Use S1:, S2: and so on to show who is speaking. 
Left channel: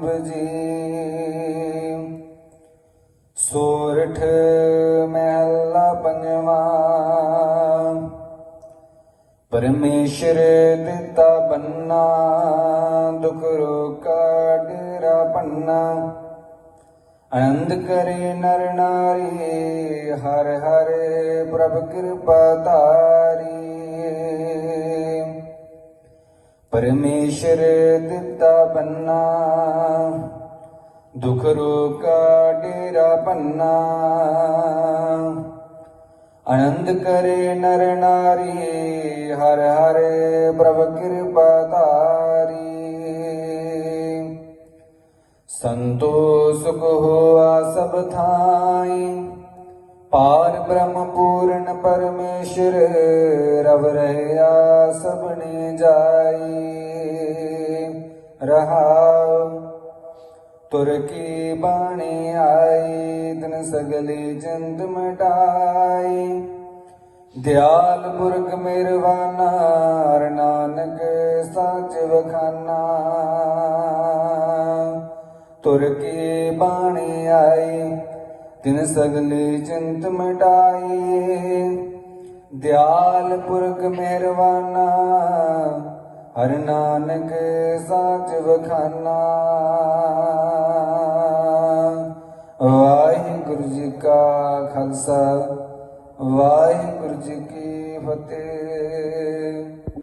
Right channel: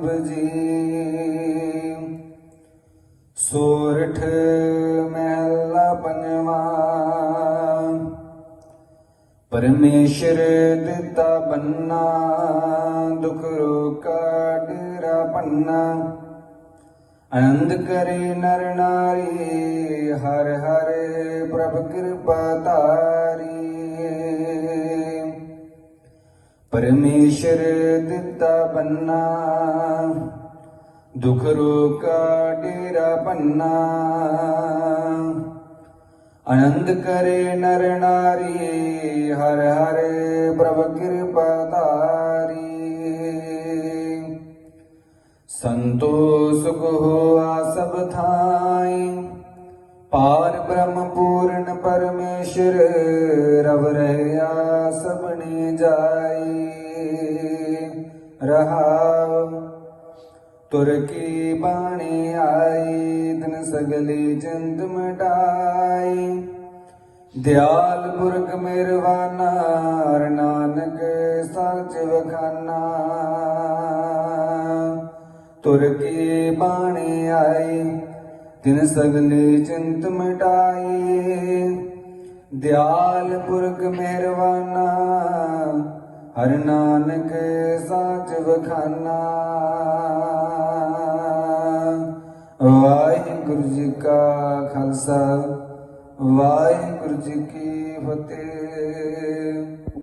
S1: ਬਜੀ ਸੋਰਠ ਮਹਿਲਾ ਪੰਜਵਾ। ਪਰਮੇਸ਼ਰ ਦਿੱਤਾ ਬੰਨਾ, ਦੁਖ ਰੋਕਾ ਡੇਰਾ ਪੰਨਾ ਆਨੰਦ ਕਰੇ ਨਰ ਨਾਰੀ, ਹਰ ਹਰ ਪ੍ਰਭ ਕਿਰਪਾ ਧਾਰ। ਪਰਮੇਸ਼ਰ ਦਿੱਤਾ ਬੰਨਾ ਦੁਖ ਰੋਕਾ ਡੇਰਾ ਪੰਨਾ। ਆਨੰਦ ਕਰੇ ਨਰ ਨਾਰੀ ਹਰ ਹਰ ਪ੍ਰਭ ਕਿਰਪਾ ਧਾਰੀ ਸੰਤੋਖ ਹੋਆ ਸਭ ਥਾਈ, ਪਾਰ ਬ੍ਰਹਮ ਪੂਰਨ ਪਰਮੇਸ਼ਰ ਰਵ ਰਹਿਆ। ਸਭਨੇ ਜਾਈ ਰਹਾਉ, ਤੁਰ ਕੀ ਬਾਣੀ ਆਈ ਦਿਨ ਸਗਲੀ ਜੰਤ ਮਟਾਈ ਦਿਆਲ ਪੁਰਖ ਮਿਰਵਾਨਾ, ਹਰ ਨਾਨਕ ਸੱਚ ਵਖਾਨਾ। ਤੁਰ ਕੀ ਬਾਣੀ ਆਈ ਦਿਨ ਸਗਲੀ ਚਿੰਤ ਮਿਟਾਈ ਦਿਆਲ ਪੁਰਖ ਮਿਹਰਵਾਨਾ ਹਰ ਨਾਨਕ ਸਾਚ ਵਖਾਨਾ। ਵਾਹਿਗੁਰੂ ਜੀ ਕਾ ਖਾਲਸਾ, ਵਾਹਿਗੁਰੂ ਜੀ ਕੀ ਫਤਿਹ।